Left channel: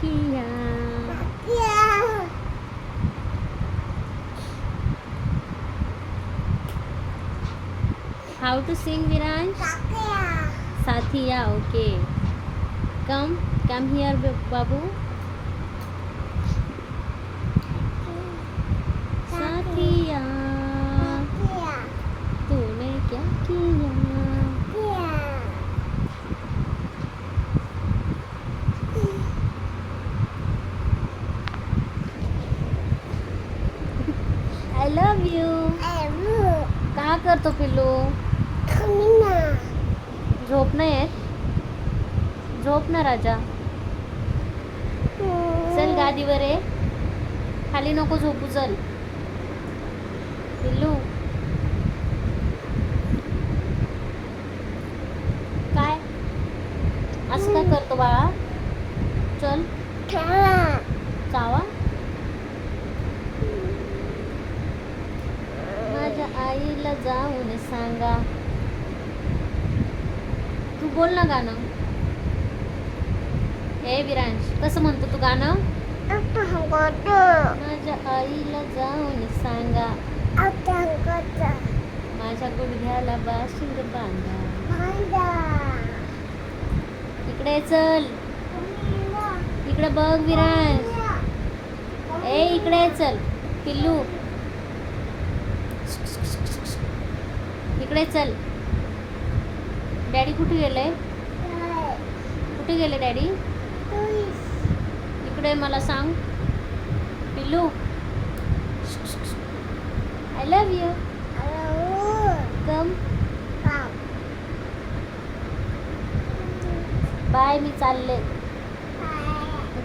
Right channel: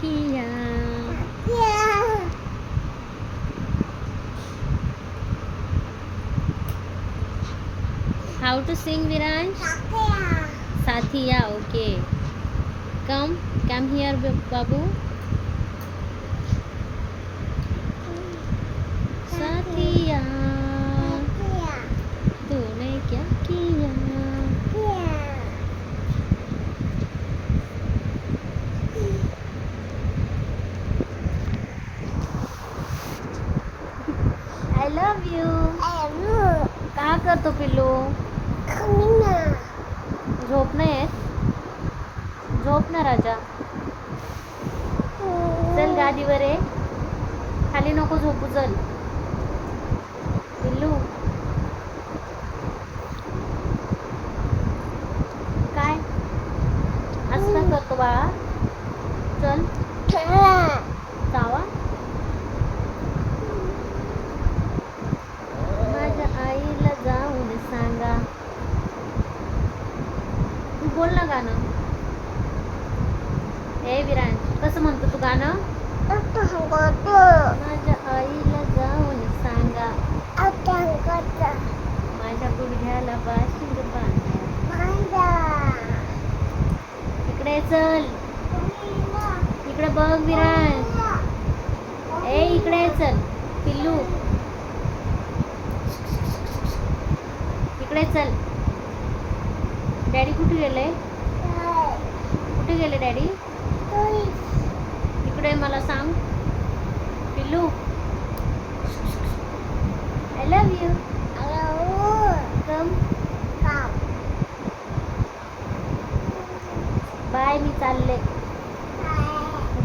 KIA how to Singh Viransh Saathiya okay come come here बाबू साथिया तूने क्या KIA I love you का करतो पिल्लू? झोप नाही येत? झोप ना राजा. चल गादीवर ये. खाली नको झोपू चल. पिल्लू. काय? असं का करतो बाळा? चल. चावा माझ्या आईला जाऊन सांगा तू बोल ना गाणं. ए विरांश कसं म्हणतो तू गाणं? माझ्या आईला जाऊन सांगा. माझ्या गुडघ्याला बाशिंग बांधा. इकडे चल. इकडे बघ विरांश. ए इकडे चल पिल्लू. इकडे चल. डॅडी कुठे गेले? कुठे गेले डॅडी? इकडे मला सांग. पिल्लू. I love you come bye मी चालले.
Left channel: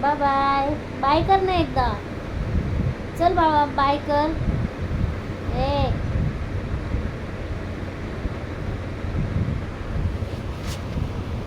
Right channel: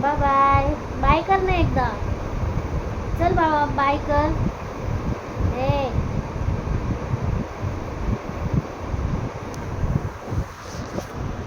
बाय बाय बाय कर ना एकदा. चल बाबा बाय कर. ए.